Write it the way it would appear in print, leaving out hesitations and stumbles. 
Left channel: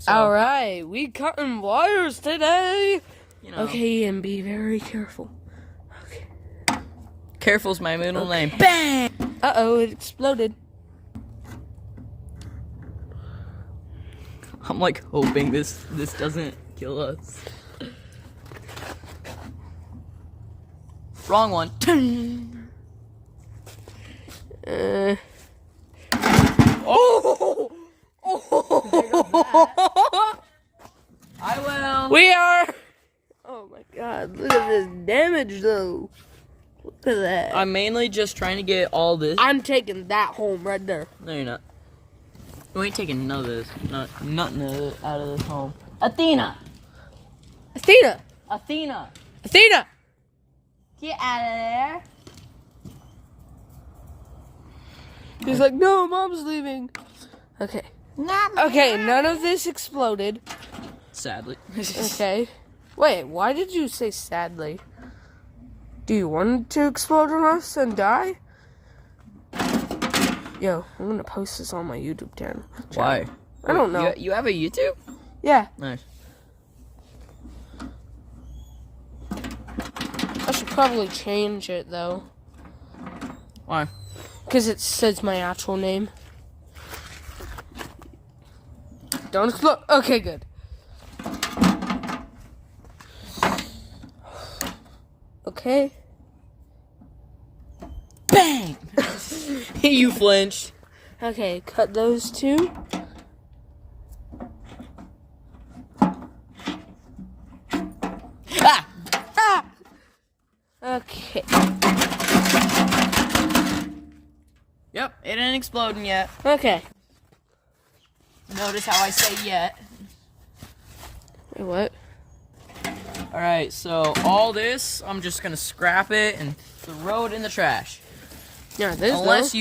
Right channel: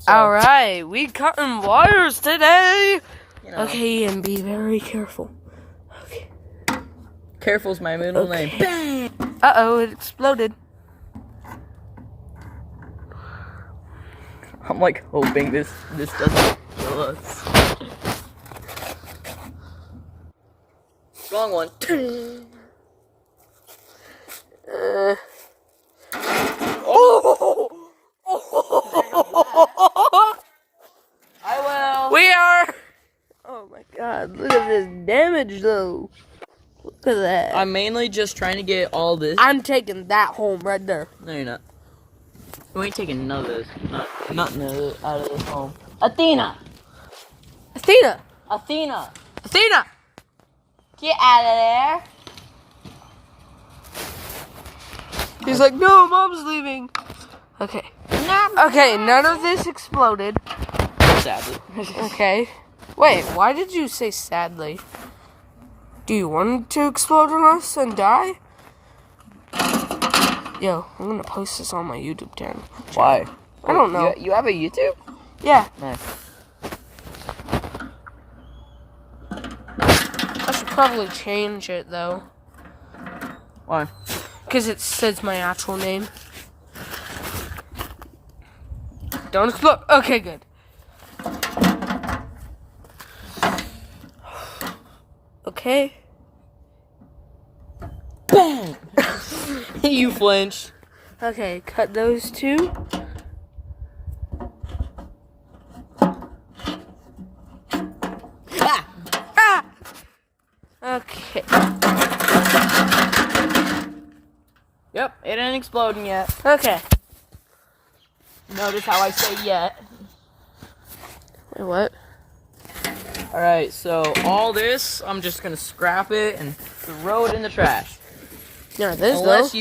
So, Alright, we cutting wires today. you know, Okay, and be very careful. Okay. Careful's my middle name. Bang! Uh-oh, it exploded. I'm like hoping this doesn't kill us. Wrong one. Oh! I will. We are. Oh my god, look at this damage though. Look at that. I'm mainly just trying to get all this. I'm taking that home right there. No, you're not. We ain't taking none of those. Nothing out of this home. Athena! Athena! Athena! Athena! Get out of there! He's like, no, mom's leaving. Okay. Okay, none of this exploded. Sadly. Okay. Wait, why did you say sadly? Do you want it to explode on us and die? Yo, I'm gonna post this on my YouTube channel. Why? I don't know. You have a YouTube? Yeah, Nice. I should probably change it though. Why? Because it says my actual name. Don't explode. Okay, good. Okay. Bang! You flinched. Okay, cut those two. Ah! Ah! Okay. Yep, it ain't exploding yet. Okay. Notice how I say yet. Wait, what? Alright, so all this, I'm just gonna scrap it and throw it in the trash. Yeah, this Unless though. you